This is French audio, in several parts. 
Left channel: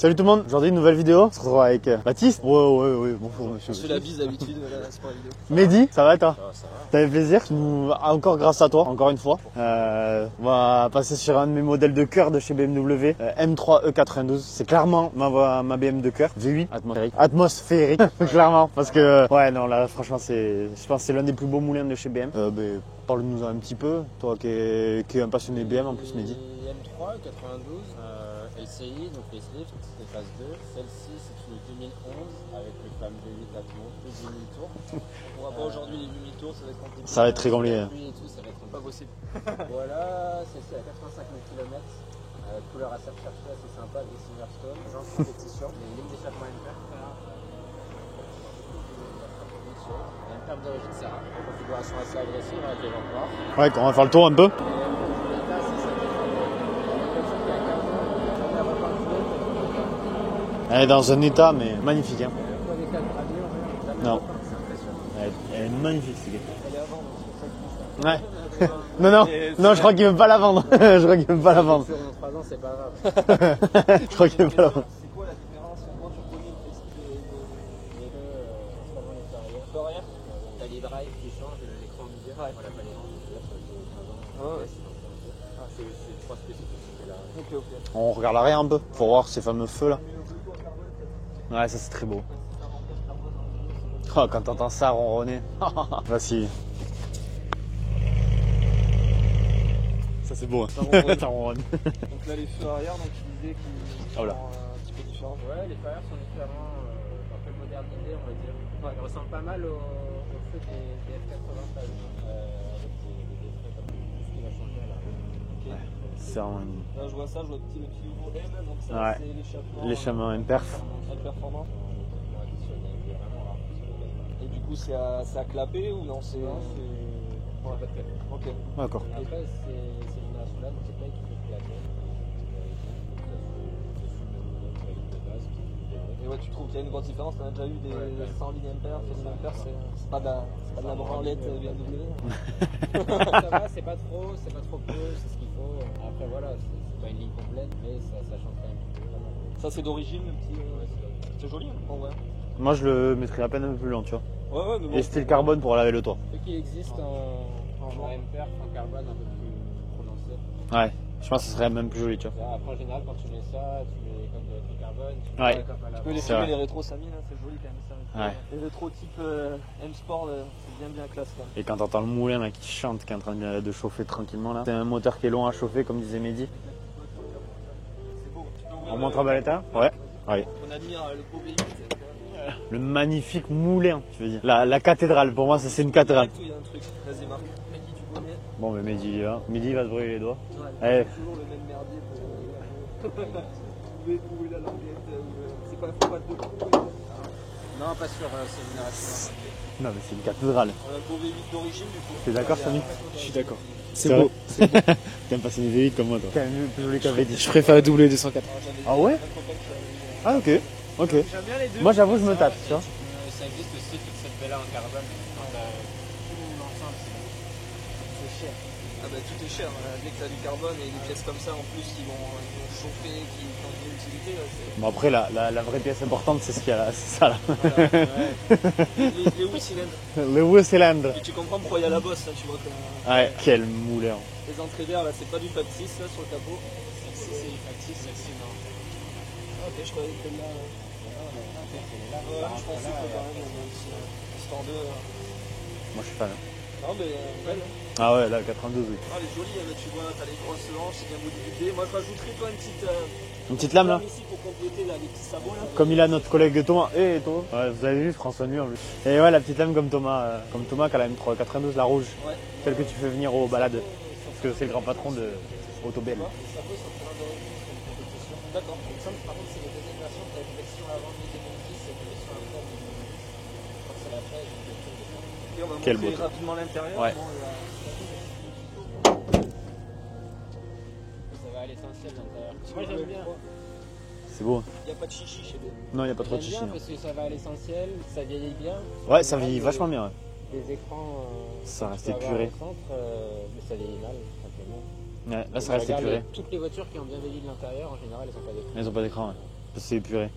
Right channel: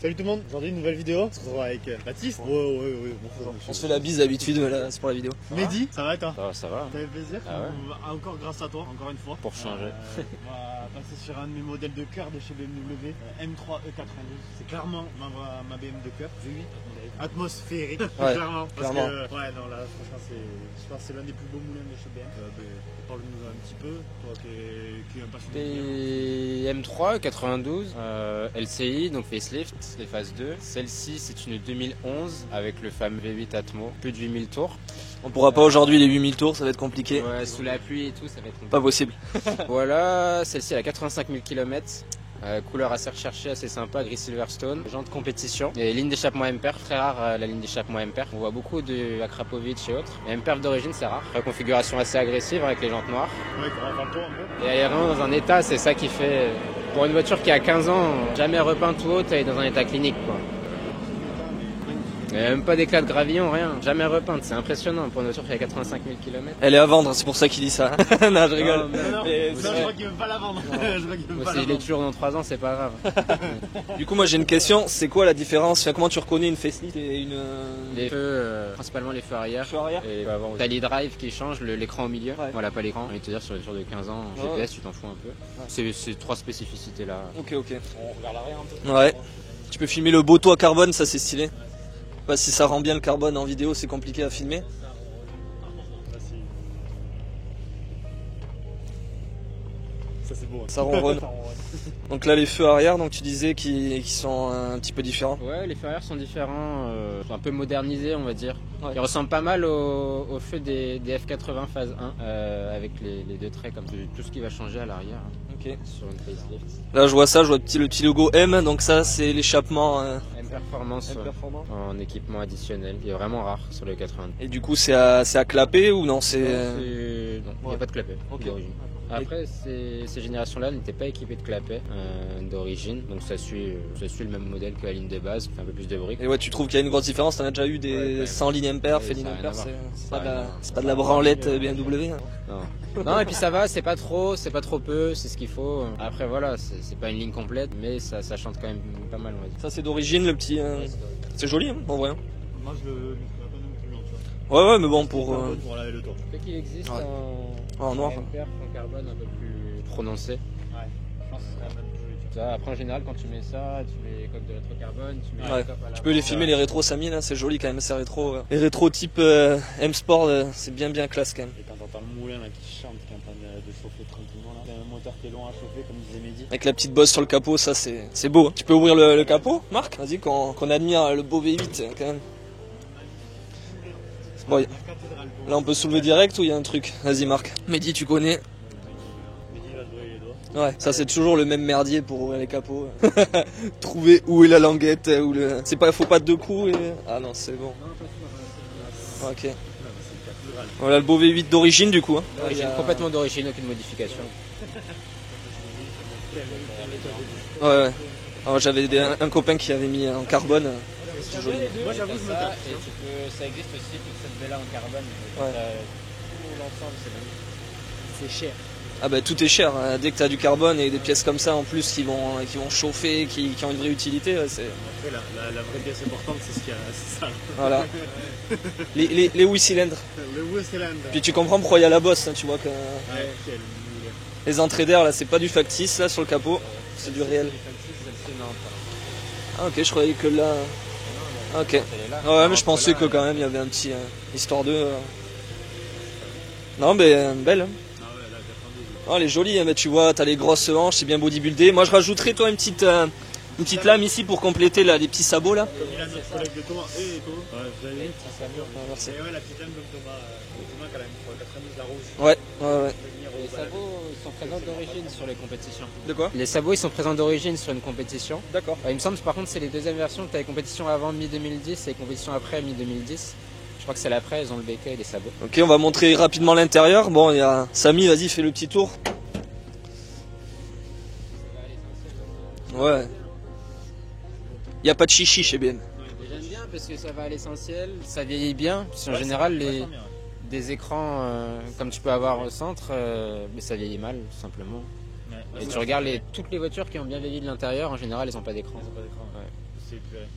Salut tout le monde, aujourd'hui une nouvelle vidéo, on se retrouve avec Baptiste. Ouais, bonjour monsieur. Je fais la bise d'habitude, voilà, c'est pour la vidéo. Mehdi, ça va toi? Ça va. T'avais plaisir, encore grâce à toi, encore une fois. On va passer sur un de mes modèles de cœur de chez BMW, M3 E92. C'est clairement ma BM de cœur, V8 atmosphérique, clairement. Parce que, ouais, non, là, franchement, je pense que c'est l'un des plus beaux moulins de chez BM. Parle-nous un petit peu, toi qui es un passionné de BM en plus. Et M3 92, LCI, donc facelift, les phases 2. Celle-ci, c'est une 2011 avec le fameux V8 Atmo, plus de 8000 tours. On pourra pas aujourd'hui les 8000 tours, ça va être compliqué. Ça va être très compliqué. La pluie et tout, ça va être compliqué. Pas possible. Voilà, celle-ci elle a 85 000 km. Couleur assez recherchée, assez sympa, gris Silverstone, jantes compétition. Et ligne d'échappement M-Perf, très rare la ligne d'échappement M-Perf. On voit beaucoup de Akrapovic et autres. Mais M-Perf d'origine c'est rare. Configuration assez agressive avec les jantes noires. Ouais, on va faire le tour un peu. Et elle est vraiment dans un état, c'est ça qui fait... Pour une voiture qui a 15 ans, jamais repeinte ou autre, elle est dans un état clinique, quoi. Elle est dans un état mais magnifique. Hein. Il n'y a même pas d'éclat de gravillon, rien. Jamais repeinte, c'est impressionnant pour une voiture qui a 85 000 km. Elle est à vendre, c'est pour ça qu'il dit ça. Non, je rigole. Non, je crois qu'il veut pas la vendre. Je crois qu'il veut pas la vendre. Toujours dans 3 ans, c'est pas grave. Du coup, moi j'ai une question, c'est quoi la différence? Comment tu reconnais une facelift et une... Les feux, principalement les feux arrière. Et t'as l'e-drive qui change, l'écran au milieu. Ouais. Voilà, pas l'écran. Je vais te dire, sur les voitures de 15 ans, GPS, tu t'en fous un peu. C'est 3 spécificités là. Ok. On regarde l'arrière un peu pour voir ces fameux feux. Tu peux filmer le beau toit carbone, ça c'est stylé. Ouais, ça c'est très beau. Pas si ça rend bien le carbone en vidéo, c'est compliqué à quand filmer. t'entends ça ronronner. Voici. Ça c'est beau. Ça ronronne. Ça ronronne. Donc là les feux arrière, donc tu disais qu'ils sont un petit peu différents. Ouais, les feux arrière sont différents, sont un peu modernisés on va dire. Ouais. Ils ressemblent pas mal aux feux des F80 phase 1 avec les deux traits comme tout ce qui va changer à l'arrière. Okay. Là je vois ça, je vois le petit logo M, donc ça c'est l'échappement performance en équipement additionnel, qui est vraiment rare sur le 80. Et du coup c'est à clapper ou non? Il n'y a pas de clapet. Okay. Après ces générations-là n'étaient pas équipées de clapet d'origine, donc ça suit le même modèle que la ligne de base, fait un peu plus de bruit. Et ouais, tu trouves qu'il y a une grosse différence? T'en as déjà eu des 100 lignes M-Perf et lignes M-Perf, c'est pas de la branlette BMW. Non, et puis ça va, c'est pas trop peu, c'est ce qu'il faut. Après voilà, c'est pas une ligne complète, mais ça chante quand même pas mal. Ça c'est d'origine le petit... C'est joli hein, en vrai. Moi je le mettrais à peine un peu plus lent, tu vois. Ouais, mais bon pour carbone pour laver le toit. Vu qu'il existe en noir. En carbone un peu plus prononcé. Ouais, je pense que ce serait même plus joli, tu vois. Après en général quand tu mets ça, tu mets les coques de rétro-carbone. Tu peux les filmer les rétros Samy là, c'est joli quand même, c'est rétro. Ouais. Les rétros type M-Sport, c'est bien classe quand même. Et quand t'entends le moulin là, qui chante, qui est en train de chauffer tranquillement là, c'est un moteur qui est long à chauffer comme disait Mehdi. Avec la petite bosse sur le capot, ça c'est beau. Tu peux ouvrir le capot, Marc? Vas-y, qu'on admire le beau V8 quand même. Le magnifique moulin, tu veux dire. La cathédrale, pour moi, on peut zoomer direct ou il y a un truc? Vas-y Marc. Mehdi, tu connais? Bon, mais Mehdi va se brûler les doigts. Ouais, ça c'est toujours le même merdier pour ouvrir les capots. Trouver où est la languette, faut pas 2 coups et... Ah non, c'est bon. Non, pas sûr, Ok. Non, mais c'est une cathédrale. Voilà le beau V8 d'origine du coup. T'es d'accord? Complètement d'origine, avec une modification. C'est beau. T'es même passionné V8 comme moi, toi. Je préfère la W280. J'avais un copain qui avait mis en carbone. Ok. Moi j'avoue, je me tape, tu vois. Ça existe aussi, toute cette baie là en carbone. C'est cher. Ah bah tout est cher, hein. Dès que tu as du carbone et des pièces comme ça en plus qui vont chauffer, qui ont une vraie utilité, c'est... Bon après la vraie pièce importante c'est ça là. Voilà. les 8 cylindres. Le 8 cylindres. Puis tu comprends pourquoi il y a la bosse, hein, tu vois que... Ouais, quel moulin. Les entrées d'air là, c'est pas du factice là sur le capot, c'est du réel. Ah ok, je croyais que là... Ok. Ouais mais je pensais que quand même il y avait un petit... histoire de... Moi je suis fan. Non mais belle. Ah ouais, là, 92, oui. Oh, elle est jolie, hein, mais tu vois, t'as les grosses hanches, c'est bien bodybuildé. Moi, je rajouterais, toi, une petite lame ici pour compléter là, les petits sabots là. Comme il a notre collègue Thomas. Et Thomas. Ouais, vous avez vu François Mur. Et ouais, la petite lame comme Thomas qui a la M392, la rouge. Ouais. Celle que tu peux venir aux balades. Parce que c'est le grand patron de les compétitions. De quoi? Les sabots ils sont présents d'origine sur une compétition. D'accord. Il me semble par contre c'est les deuxièmes versions. Tu as les compétitions avant mi-2010 et les compétitions après mi-2010. Je crois que c'est l'après, ils ont le béquet et les sabots. Ok, on va montrer rapidement l'intérieur. Ouais. Bon, il y a Samy, vas-y, fais le petit tour. Ça va à l'essentiel. Ouais. C'est beau. Il n'y a pas de chichi chez BM. Non, il n'y a pas trop de chichi. Parce que ça va à l'essentiel, ça vieillit bien. En Ouais, ça général, vieillit vachement bien. Ouais. des écrans Ça comme tu reste peux avoir épuré. au centre, mais ça vieillit mal tout simplement. Ouais, Et ça tu reste regardes épuré. toutes les voitures qui ont bien vieilli de l'intérieur, en général elles n'ont pas d'écran. Elles ont pas d'écran, ouais. C'est épuré.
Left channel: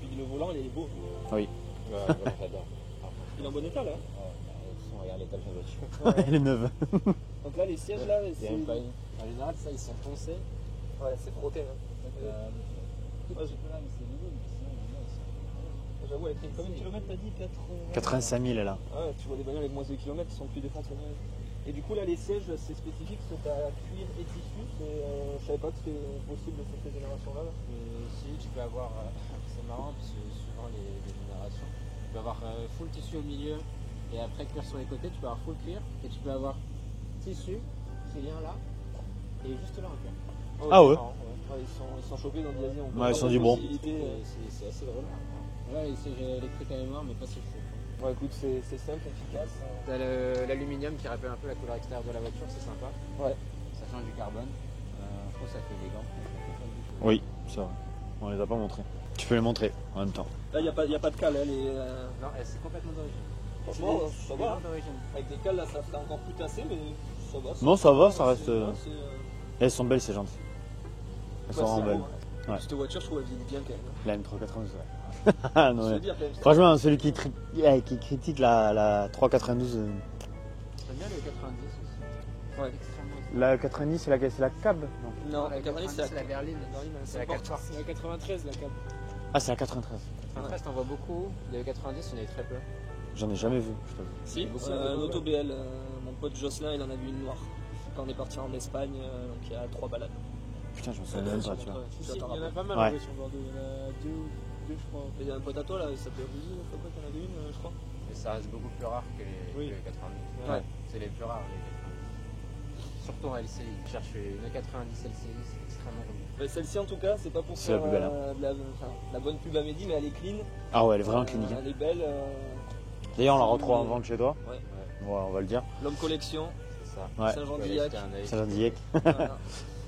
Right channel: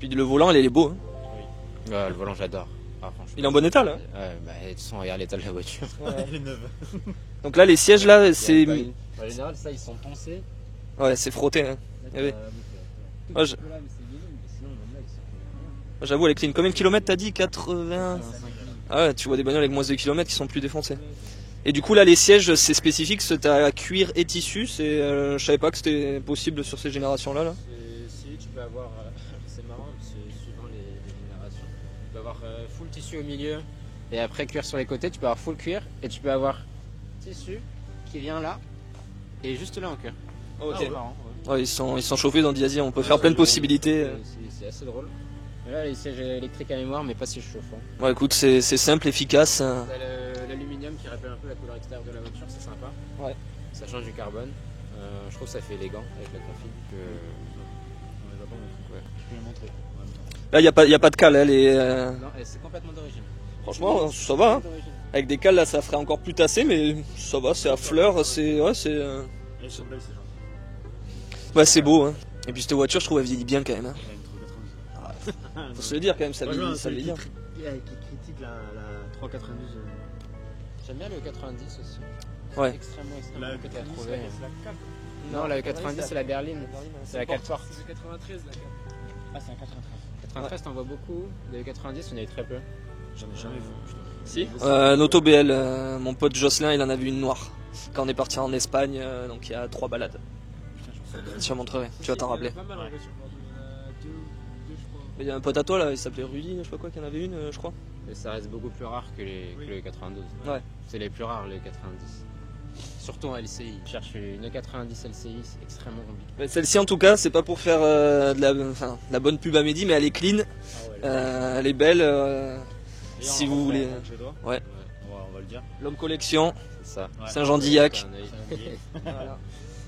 Puis le volant, il est beau. Hein. Oui. Ouais, le volant j'adore. Ah, franchement. Il est en bon état là. Ouais, bah, de toute façon, regarde l'état de la voiture. Il est neuf. Donc là, les sièges là, c'est. En général, ça ils sont poncés. Ouais, c'est frotté. Hein. Eh oui. Ouais, j'avoue, elle est clean. Combien de kilomètres t'as dit? 80. 85 000 là. Ah ouais, tu vois des bagnoles avec moins de kilomètres qui sont plus défoncées. Et du coup là les sièges c'est spécifique, c'est à cuir et tissu, je savais pas que c'était possible sur ces générations là. Si tu peux avoir, c'est marrant, c'est suivant les générations. Tu peux avoir full tissu au milieu et après cuir sur les côtés, tu peux avoir full cuir et tu peux avoir tissu qui vient là et juste là en cuir. Ah ouais. Marrant, Ouais, ils sont chauffés dans Diazi, on peut Ouais, faire c'est plein de du bon. possibilités. C'est assez drôle. Et là les sièges électriques à mémoire mais pas si chauffants. Ouais écoute, c'est simple, efficace. T'as l'aluminium qui rappelle un peu la couleur extérieure de la voiture, c'est sympa. Ouais. Ça change du carbone. Je trouve que ça fait élégant avec la coiffure. Oui, ça. On les a pas montrés. Tu peux les montrer en même temps. Là il n'y a pas de cale, elle est. Non, c'est complètement d'origine. Franchement, ça va. Hein. Avec des cales là ça ferait encore plus tassé, mais ça va, c'est Non, en ça va, fleurs, ça c'est. reste, Ouais, c'est. Elles sont belles ces jantes. Ouais, c'est beau. Hein. Et ouais. puis cette voiture, je trouve elle vieillit bien quand même. Hein. La M392. Ah, non, Je ouais. veux dire quand même, ça Franchement, vieillit- ça celui vieillit qui critique la 392. J'aime bien le 90 aussi. Ouais. Extrêmement La 90, c'est laquelle? C'est la cab? Non, la 90 c'est la berline. C'est la 4 portes. La 93, la cab. Ah, c'est la 93. 93 t'en vois beaucoup. De 90 on a eu très peu. J'en ai jamais vu. Putain. Si. Un auto BL, mon pote Jocelyn, il en a vu une noire. Quand on est parti en Espagne, donc il y a 3 balades. Putain, j'en sais Je te montrerai, tu vas t'en rappeler. Il y en a pas mal Ouais. sur Bordeaux. Il y en a deux, je crois. Il y a un pote à toi là, il s'appelait Rudy, je sais pas quoi, qu'il y en avait une, je crois. Mais ça reste beaucoup plus rare que les 92. Ouais. C'est les plus rares les 90. Surtout en LCI. Chercher une 90 LCI, c'est extrêmement compliqué. Mais celle-ci en tout cas, c'est pas pour faire de la bonne pub à Mehdi, mais elle est clean, Ah ouais, elle est vraiment. elle est belle. D'ailleurs, si on la vous reprend voulez. en vente chez toi. Ouais. Ouais, on va le dire. L'homme collection, C'est ça. Ouais. Saint-Jean-d'Illac. Ça va billet.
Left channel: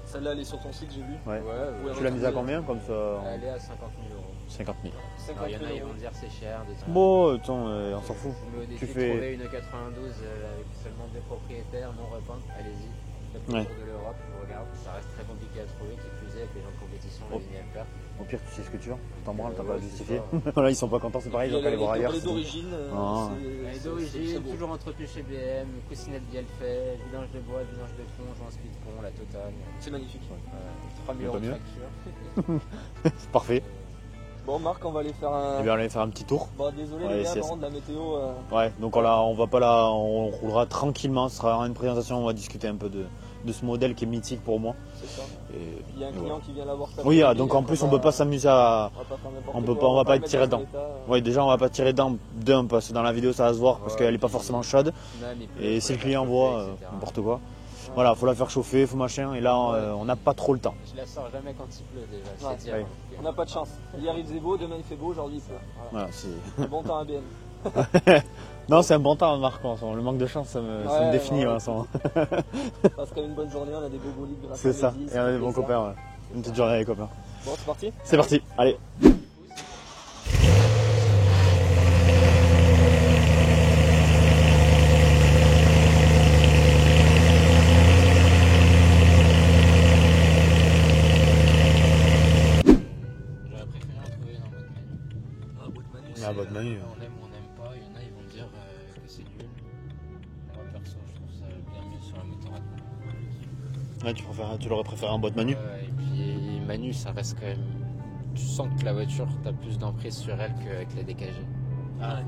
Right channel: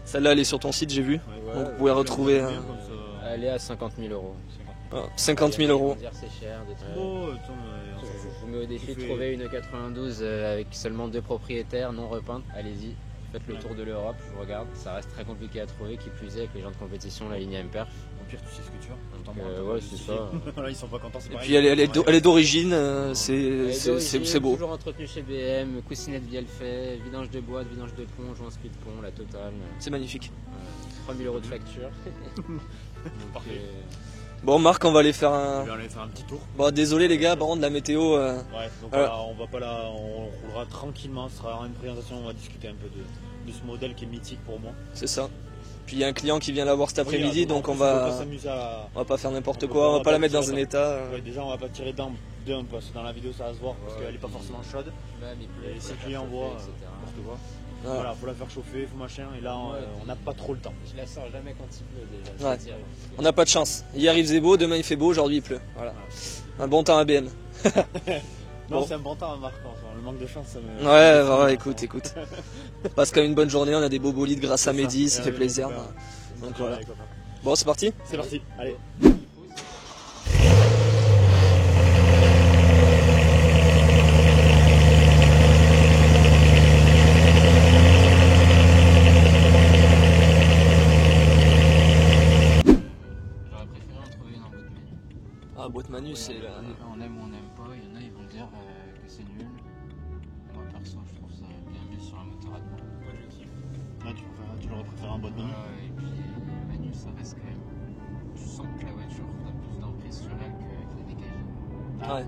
Celle-là, elle est sur ton site, j'ai vu. Ouais. Vous pouvez retrouver. Combien comme ça? Elle est à 50 000 euros. 50 000. 50 000 Ils vont euros. dire c'est cher. Bon, attends, on s'en fout. Je vous mets au défi Tu de fais- trouver une 92 avec seulement 2 propriétaires non repeintes. Allez-y, faites le Ouais. tour de l'Europe, je vous regarde. Ça reste très compliqué à trouver, qui plus est avec les gens de compétition, la ligne Ampère. Au pire, tu sais ce que tu veux. On t'embrasse, t'as Ouais, pas à c'est justifier. ça. Voilà, ils sont pas contents, c'est pareil. Puis elle est d'origine, Non. c'est beau. Toujours entretenu chez BM, coussinet de bielle fait, vidange de boîte, vidange de plomb, joint speed pont, la totale. C'est magnifique. 3 000 euros de mieux. facture. Parfait. Bon, Marc, on va aller faire Eh un. bien, on va faire un petit tour. Bon, désolé les Ouais, gars, c'est- par contre, la météo. Ouais, donc Voilà. on va pas là, on roulera tranquillement. Ce sera une présentation, on va discuter un peu de ce modèle qui est mythique pour moi. C'est ça. Et- Puis il y a un client qui vient la voir cet Oui, après-midi, donc en plus, on peut pas s'amuser à. on va pas faire n'importe on peut quoi, pas- on va pas la le mettre dans tirer un état. Ouais, déjà, on va pas tirer d'un parce que dans la vidéo, ça va se voir parce qu'elle est pas forcément chaude. Et si le client voit n'importe quoi, Ouais. voilà, faut la faire chauffer, faut machin. Et là, on n'a pas trop le temps. Je la sors jamais quand il pleut déjà. Ouais. c'est dire. Ouais. On n'a pas de chance. Hier il faisait beau, demain il fait beau, aujourd'hui il pleut. Voilà. Voilà, c'est- Un bon temps à BM. non, c'est un bon temps, Marc. Le manque de chance, ça me. ça me Ouais, définit, voilà, hein, écoute, ça. écoute. On passe quand même une bonne journée, on a des beaux bolides grâce à C'est ça. Mehdi, Et ça un fait bon plaisir. copain, ouais. Une petite journée avec les copains. Bon, c'est parti. C'est parti, allez. J'aurais préféré en trouver une en mode menu. Ah, boîte manu, Ah, c'est. boîte manu. On aime ou on n'aime pas, il y en a ils vont dire que c'est nul. Moi perso je trouve ça bien mieux sur un moteur à courant. Ouais, tu l'aurais préféré en boîte manu. Et puis Manu ça reste quand même. Tu sens que la voiture t'as plus d'emprise sur elle qu'avec la DKG. Ah ouais.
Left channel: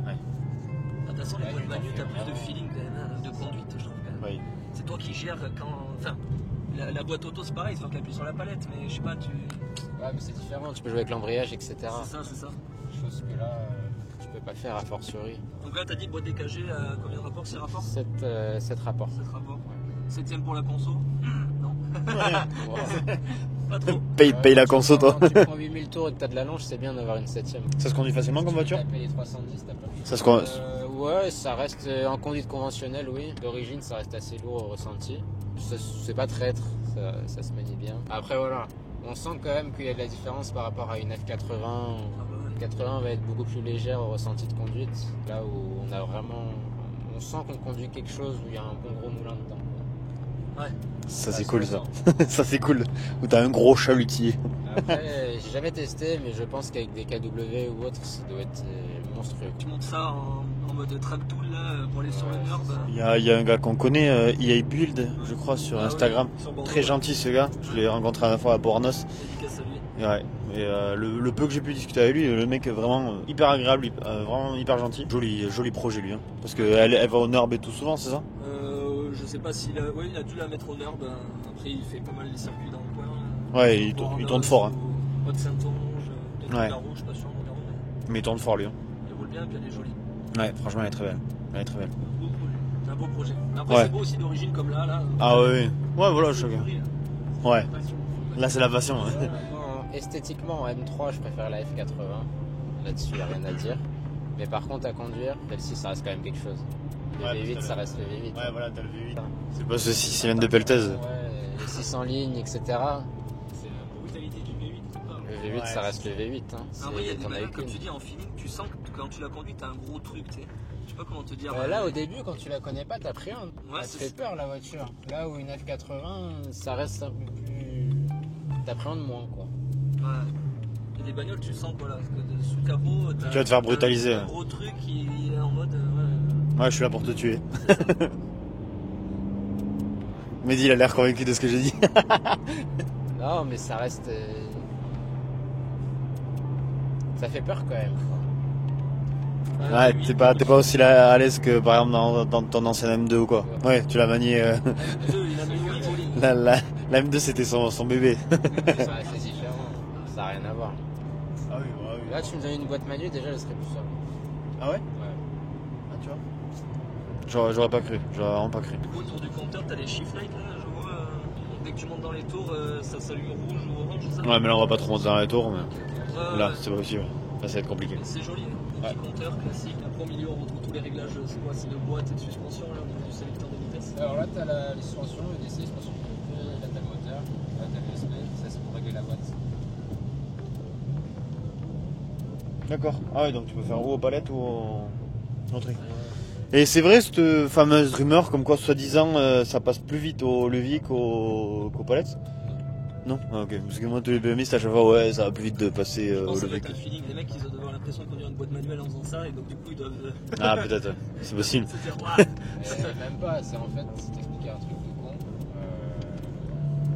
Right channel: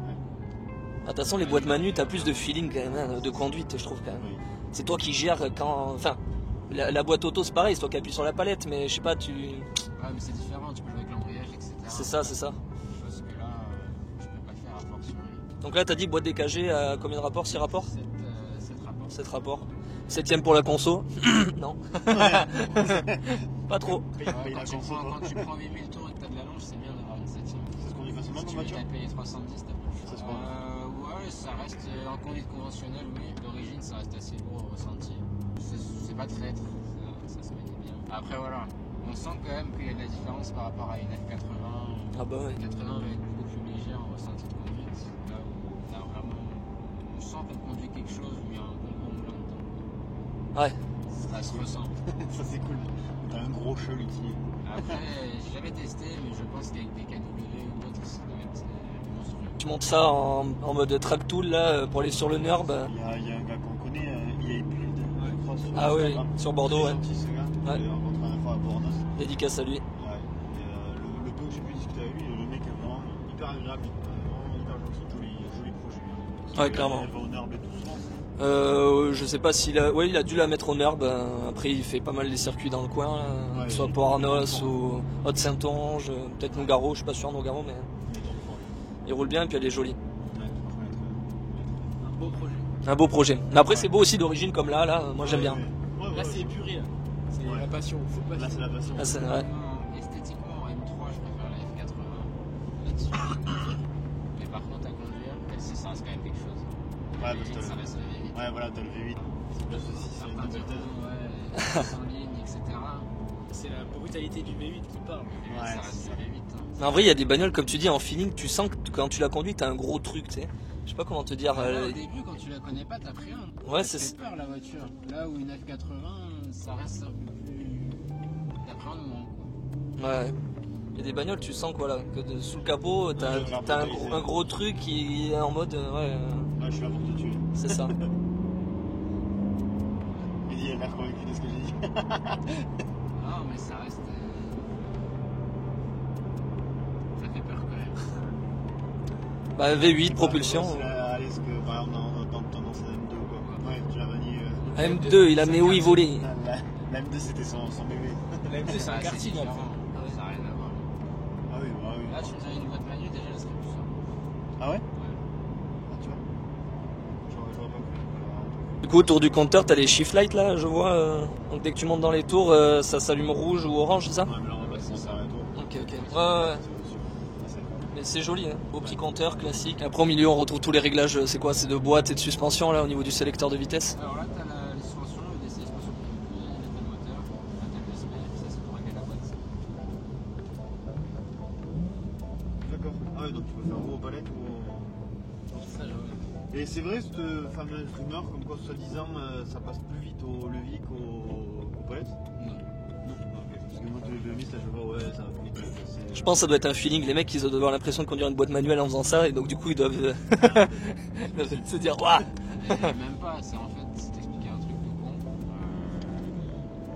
De toute façon, les boîtes manu, t'as plus de feeling quand même, hein, de conduite, je trouve quand même. Oui. C'est toi qui gères quand. Enfin, la boîte auto, c'est pareil, c'est toi qui appuies sur la palette, mais je sais pas, tu. Ouais, mais c'est différent, tu peux jouer avec l'embrayage, etc. C'est ça, c'est ça. Chose que là, tu peux pas faire a fortiori. Donc là, t'as dit boîte DKG à combien de rapports? 6 rapports? 7 rapports. 7 rapports. 7ème pour la conso? Non. Pas trop. Paye la conso, toi. Quand tu prends 8000 tours et que t'as de la longe, c'est bien d'avoir une 7ème. Ça se conduit facilement comme voiture? Tu peux taper les 310, t'as pas. Ça se conduit. Ouais, ça reste en conduite conventionnelle, oui. D'origine, ça reste assez lourd au ressenti. C'est pas traître, ça se manie bien. Après, voilà. On sent quand même qu'il y a de la différence par rapport à une F80. Ah bah ouais. La F80 va être beaucoup plus légère au ressenti de conduite. Là où on a vraiment. On sent qu'on conduit quelque chose où il y a un bon gros moulin dedans. Ouais. Ça Ça c'est se cool ça. ressent. Ça c'est cool. Où t'as un gros chalutier. Après, j'ai jamais testé, mais je pense qu'avec des KW ou autres, ça doit être monstrueux. Tu montes ça en mode track tool là pour aller sur le NURB. Il y a un gars qu'on connaît, EA Build, je crois, sur Ah Instagram. ouais, sur Bordeaux. Très ouais. gentil ce gars. Je Ouais. l'ai rencontré à la fois à Bornos. Dédicace à lui. Ouais. Et le peu que j'ai pu discuter avec lui, le mec est vraiment hyper agréable, vraiment hyper gentil. Joli projet lui. Hein. Parce Ouais, qu'elle clairement. elle va au NURB et tout souvent, c'est ça? Je sais pas s'il a. Ouais, il a dû la mettre au NURB. Après, il fait pas mal des circuits dans le coin. Ouais, soit il pour tourne Arnos fort, hein. ou Haute-Saintonge, peut-être Ouais. Nogaro, je suis pas sûr Nogaro, mais Mais il tourne fort lui. Hein. il roule bien et puis elle est jolie. Ouais, franchement, elle est très belle. Elle est très belle. Un beau projet. Mais après, Ouais. c'est beau aussi d'origine comme là. Moi, Ah j'aime ouais, bien. ouais. Ouais, voilà, je Ouais. La passion, faut pas Là, c'est la passion. Ah, Ouais. c'est- ouais. Esthétiquement, en M3, je préfère la F80. Là-dessus, rien à dire. Mais par contre, à conduire, celle-ci, ça reste quand même quelque chose. Le Ouais, V8, parce que ça reste le V8. Ouais, voilà, t'as le V8. C'est pas ceci, c'est une de Peltez. Ouais, 600 lignes, etc. C'est la brutalité du V8 qui parle. Le V8, Ouais, ça reste c'est le V8. Hein. Mais en vrai, il y a des bagnoles, comme tu dis, en feeling, tu sens que quand tu la conduis, t'as un gros truc, tu sais. Je sais pas comment te dire. Là, au début, quand tu la connais pas, t'appréhendes. Ouais, Ça te c'est- fait peur, la voiture. Là où une F80, ça reste un peu plus. T'appréhendes moins, quoi. Ouais. Il y a des bagnoles, tu sens que, voilà, que sous le capot, t'as Tu vas te faire t'as brutaliser. un gros truc qui est en mode. Ouais, Ouais, je suis là pour te tuer. c'est ça. Mehdi, il a l'air convaincu de ce que j'ai dit. Non, mais ça reste. Ça fait peur quand même. Bah, Ouais, V8, t'es pas propulsion. aussi à l'aise que par exemple dans ton ancien M2 ou quoi. Ouais, tu l'as manié. M2, il a mis où il volait. La M2 c'était son bébé. Ouais, c'est différent. Ça n'a rien à voir. Ah oui, bah oui. Là, tu me donnais une boîte manuelle, déjà, elle serait plus simple. Ah ouais Ouais. Ah, tu vois. J'aurais pas cru, j'aurais vraiment pas cru. Du coup, autour du compteur, t'as les shift lights là, je vois. Donc dès que tu montes dans les tours, ça s'allume rouge ou orange, c'est ça? Ouais, mais là on va pas trop monter dans les tours. Mais... Ok, ok. Là, Ouais, c'est pas possible. Là, ça va être compliqué. mais c'est joli, hein. Beau petit compteur classique. Après, au milieu, on retrouve tous les réglages. C'est quoi? C'est de boîte et de suspension là au niveau du sélecteur de vitesse. Alors là, tu as les suspensions, le DC, suspension plus, là, tu as le moteur, là, tu as l'USB, ça c'est pour régler la boîte. D'accord. Ah ouais, donc tu peux faire ou aux palettes ou au truc. Et c'est vrai cette fameuse rumeur comme quoi soi-disant ça passe plus vite au levier qu'aux palettes? Non. Ah, ok. Parce que moi tous les BMX à chaque fois ouais ça va plus vite de passer. Je pense que ça doit être un feeling. Les mecs, ils doivent avoir l'impression de conduire une boîte manuelle en faisant ça, et donc du coup, ils doivent Ah peut-être. C'est possible. se dire waouh. Même pas, c'est en fait, c'est t'expliquer un truc de con.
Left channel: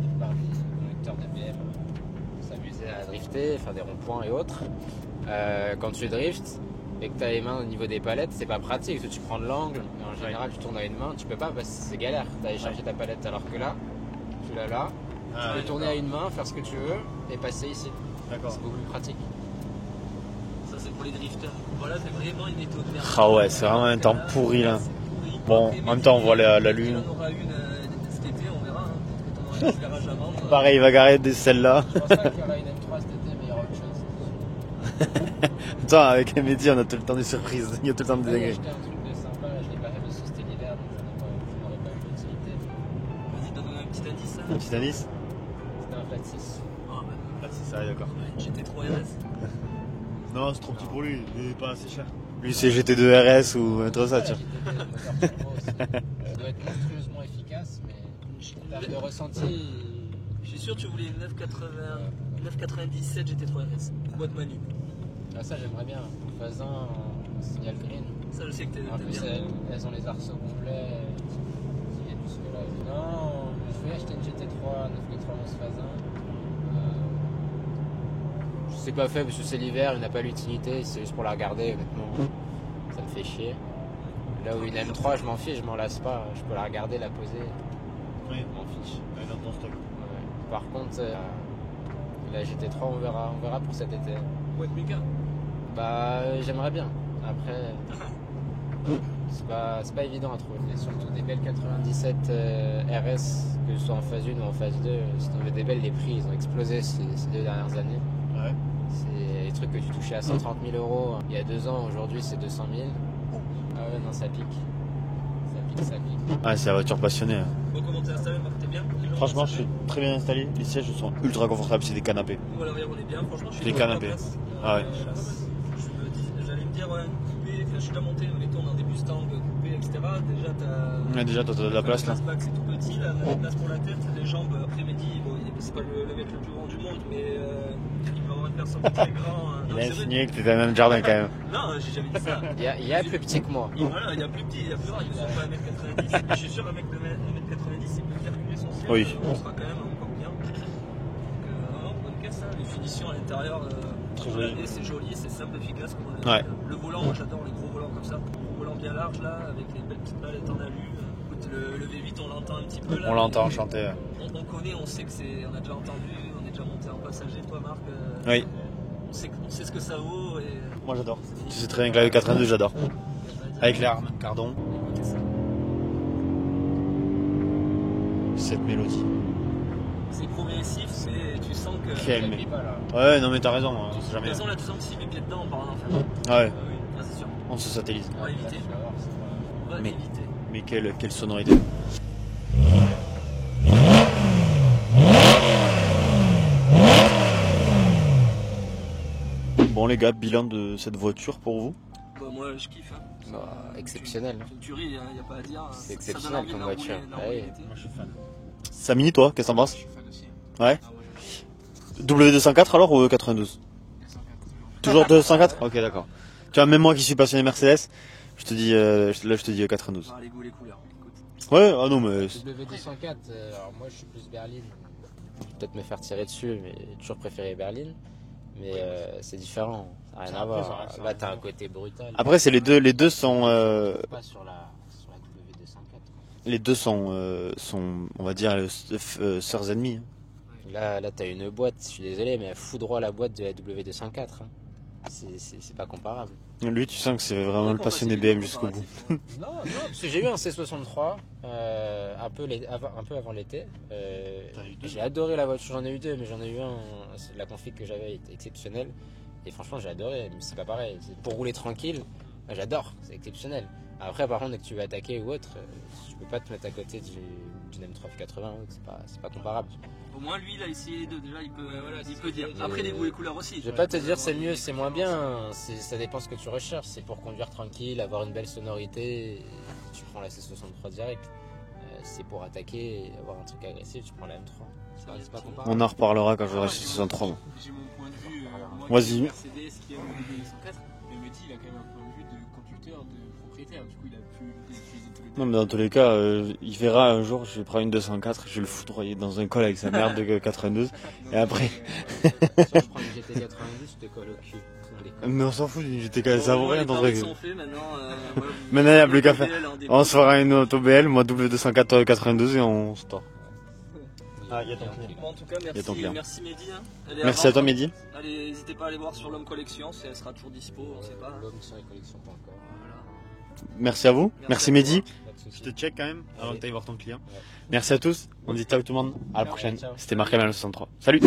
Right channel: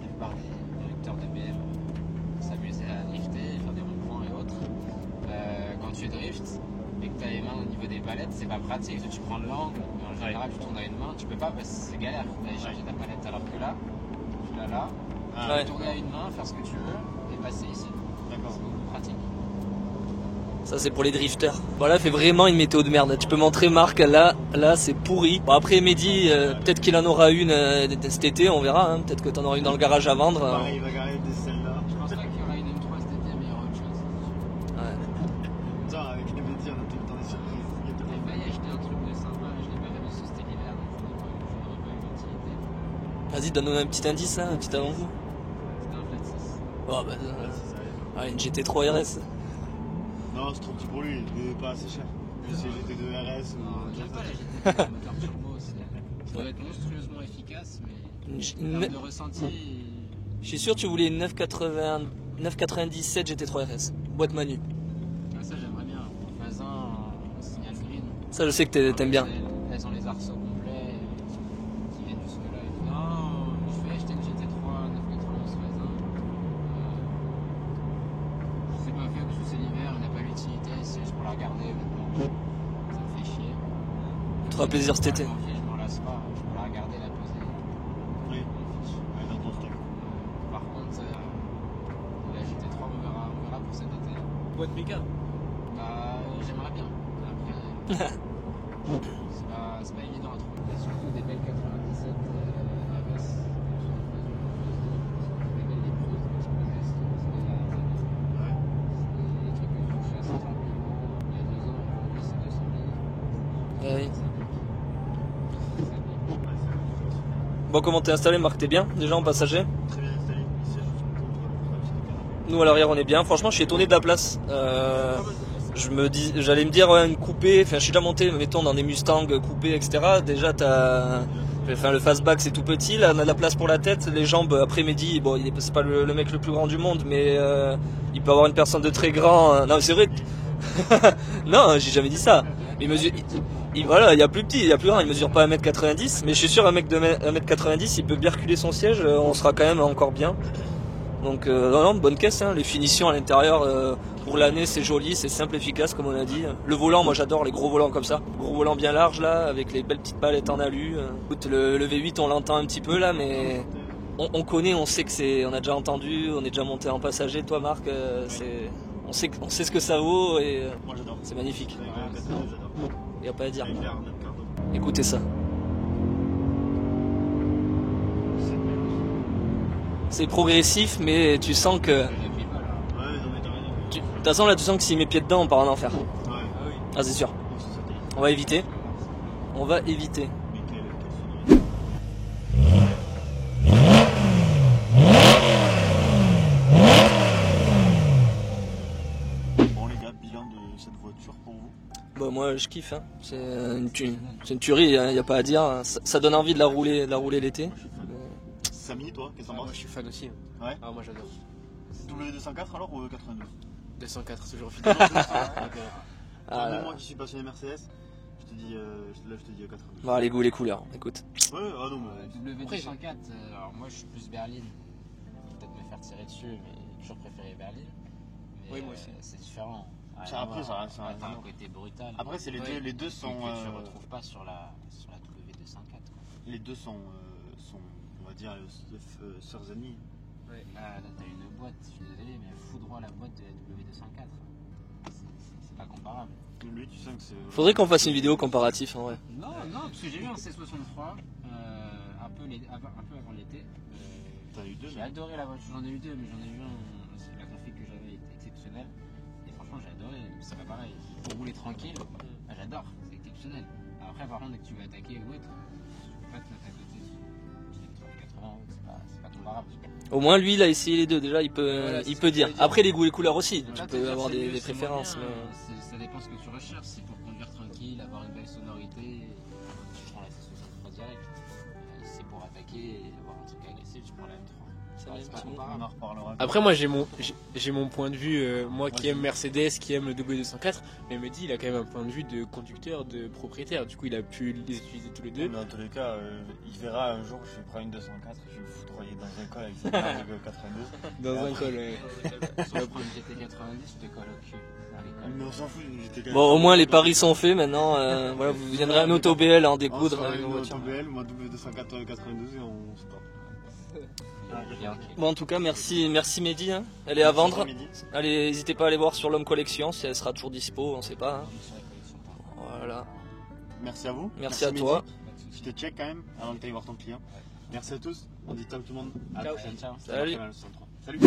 D'une part, les conducteurs d'ABM s'amusaient à drifter, faire des ronds-points et autres. Quand tu driftes et que tu as les mains au niveau des palettes, c'est pas pratique. Parce que tu prends de l'angle, en général, tu tournes à une main, tu peux pas parce que c'est galère d'aller chercher ta palette. Alors que là, tu l'as là, tu Ouais. peux tourner à une main, faire ce que tu veux et passer ici. D'accord. C'est beaucoup plus pratique. Ça, c'est pour les drifters. Voilà, fait vraiment une météo de merde. Ah tu peux ouais, montrer c'est Marc, vraiment un là, temps pourri, là hein. c'est pourri. Bon, Après, en même Mehdi, temps, on voit la peut-être qu'il lune. en aura une cet été, on verra. Hein. Peut-être que t'en auras une dans le garage à vendre. Pareil, il va garer des celles-là. Je pense pas qu'il y aura une M3 cet été, mais il y aura autre chose. Putain, avec un métier, on a tout le temps des surprises. Il y a tout le temps J'ai des. acheté un truc de sympa, je l'ai pas fait dessus, c'était l'hiver, donc j'en aurais pas eu l'utilité. Vas-y, donne-nous un petit indice, hein, un petit Petit indice. indice. C'était un flat 6. Oh, bah, C'est ça, d'accord. ouais, une GT3 RS. Non, c'est trop petit pour lui, mais pas assez cher. Lui, c'est GT2 RS ou un truc ça, tu vois. Ça doit être monstrueusement efficace, mais en termes de ressenti, Je suis sûr que tu voulais une 997 GT3 RS. Boîte manu. ah, ça j'aimerais bien. En faisant en signal green. Ça, je sais que t'aimes bien. Elles ont les arceaux complets qui viennent du soleil. Non, je voulais acheter une GT3 991 Fazin. Je sais pas fait parce que c'est l'hiver, il n'a pas l'utilité, c'est juste pour la regarder honnêtement. Ça me fait chier. Là fera où plaisir cet été. je m'en fiche, je m'en lasse pas. Je peux la regarder, la poser. Oui. Je m'en fiche. Ouais, dans ton stock. Ouais. Par contre, la GT3, on verra pour cet été. Boîte méca. Bah, j'aimerais bien. Après, c'est pas évident à trouver. Et surtout des belles 97 RS, que ce soit en phase 1 ou en phase 2, si tu veux des belles, les prix ils ont explosé ces 2 dernières années. Ouais. C'est des trucs que tu touchais à 130 000 euros il y a 2 ans, aujourd'hui c'est 200 000. Ouais. Ça pique. Ça pique. Ouais, c'est la voiture passionnée. Bon, comment t'es installé, Marc? T'es bien déjà en Franchement, passager? c'est très bien installé. Les sièges sont ultra confortables, c'est des canapés. Nous à l'arrière on est bien. Franchement, je suis Des étonné de la canapés. place. J'allais me dire ouais, une coupée. Enfin, je suis déjà monté, mettons dans des Mustangs coupés, etc. Déjà t'as. Mais déjà, toi, t'as de la Enfin, le place. fastback c'est tout petit, là on a la place pour la tête, les jambes après-midi, bon c'est pas le mec le plus grand du monde mais il peut avoir une personne de très grand. Non mais c'est vrai, Nick, t'es dans le même jardin quand même. non j'ai jamais dit ça. Il y a plus petit que moi. Voilà, il y a plus petit, il y a plus grand, il mesure pas 1m90, mais je suis sûr un mec de 1m90 il peut bien reculer son siège, Oui. on sera quand même encore bien. Donc non, bonne caisse, hein. Les finitions à l'intérieur pour l'année c'est joli, c'est simple, efficace comme on a dit. Ouais. Le volant, moi j'adore les gros volants comme ça, gros volants bien larges là, avec les belles petites palettes en alu. Écoute, le V8 on l'entend un petit peu là, On l'entend mais chanter. on connaît, on sait que c'est, on a déjà entendu, on est déjà monté en passager, toi Marc, Oui. on sait ce que ça vaut et Moi j'adore. c'est C'est magnifique. très bien que la 82, j'adore. Y a pas à dire. Avec l'arme, cardon, Écoutez ça. cette mélodie. C'est progressif, mais tu sens que. Quelle mélodie. Ouais, non mais t'as raison. Hein, De on sait toute jamais. façon, là, tu sens que s'il met pied dedans, on part en enfer. Ouais, Ah, c'est sûr. on se satellise. On va éviter. On va éviter. Mais quelle sonorité. Bon les gars, bilan de cette voiture pour vous? Bah, moi, je kiffe. Hein. C'est Exceptionnel. c'est une tuerie, il n'y a pas à dire. C'est Ça donne envie de la exceptionnel comme rouler, voiture. l'été. Moi, je suis fan. Samy, toi, qu'est-ce que t'en penses? Je suis fan aussi. Ouais. Ah, moi j'adore. W204 alors ou 92? 204, toujours fan. Toujours 204? Ok, d'accord. Tu vois, même moi qui suis passionné Mercedes, je te dis, là je te dis 92. Bah, les goûts, les couleurs, écoute. Ouais, ah non mais... W204, alors moi je suis plus berline. Peut-être me faire tirer dessus, mais j'ai toujours préféré berline. Mais c'est différent. Ça n'a rien à Après, voir. ça reste- Là, t'as un côté brutal. Après c'est les deux sont... Pas sur la W204. Les deux sont, on va dire, sœurs ennemies. Là t'as une boîte, je suis désolé, mais elle fout droit la boîte de la W204. C'est pas comparable. Lui, tu sens que c'est vraiment... Faudrait qu'on fasse passionné une vidéo BMW, comparative. En vrai. Non, parce que j'ai eu un C63 un peu avant l'été. T'en as eu deux? J'ai adoré la voiture, j'en ai eu deux, mais j'en ai eu un. La config que j'avais était exceptionnelle. Et franchement, j'ai adoré. Donc c'est pas pareil. Pour rouler tranquille, bah, j'adore, c'est exceptionnel. Après, par contre, dès que tu veux attaquer ou autre, tu peux pas te mettre à côté d'une M380 ou autre, c'est pas comparable. Au moins, lui, il a essayé les deux. Déjà, il peut, Voilà, il c'est peut ce que dire. je voulais dire. Après, les goûts, les couleurs aussi. Je vais Tu pas te peux dire avoir c'est des mieux, c'est moins bien. préférences, Ça dépend ce que tu recherches. C'est pour conduire tranquille, avoir une belle sonorité. Tu prends la C63 direct. C'est pour attaquer et avoir un truc agressif. Tu prends la M3. C'est pas comparable. On en reparlera quand Après, on moi sera j'ai mon, 63. j'ai mon point de vue, moi Vas-y. qui aime Mercedes, qui aime le W204, mais me dit il a quand même un point de vue de conducteur, de propriétaire, du coup il a pu les utiliser tous les deux. Non, mais dans tous les cas, il verra un jour, je vais prendre une 204, je vais le foudroyer dans un col avec sa merde de 92. Dans Et un après- col, Si tu veux prendre une GT90, je te colle au cul. Mais on s'en fout, j'étais quand même... Bon, au moins, les paris sont faits maintenant. Voilà, vous Maintenant, avez il y a un plus qu'à auto BL en déco On se dans fera les une voitures. auto BL, moi W204 92 et on se tord. Ah, il y a ton client. Bon, en tout cas, merci Mehdi. Hein. Elle est Merci à vendre. toi Mehdi. Allez, n'hésitez pas à aller voir sur l'Homme Collection si elle sera toujours dispo, on sait pas. Voilà. Merci à vous. Merci à Mehdi. toi. Je te check quand même avant Allez. que tu ailles voir ton client. Ouais. Merci à tous. On dit ciao tout le monde. À la Ciao, prochaine. ciao. C'était Salut. Marc Hamel 63. Salut.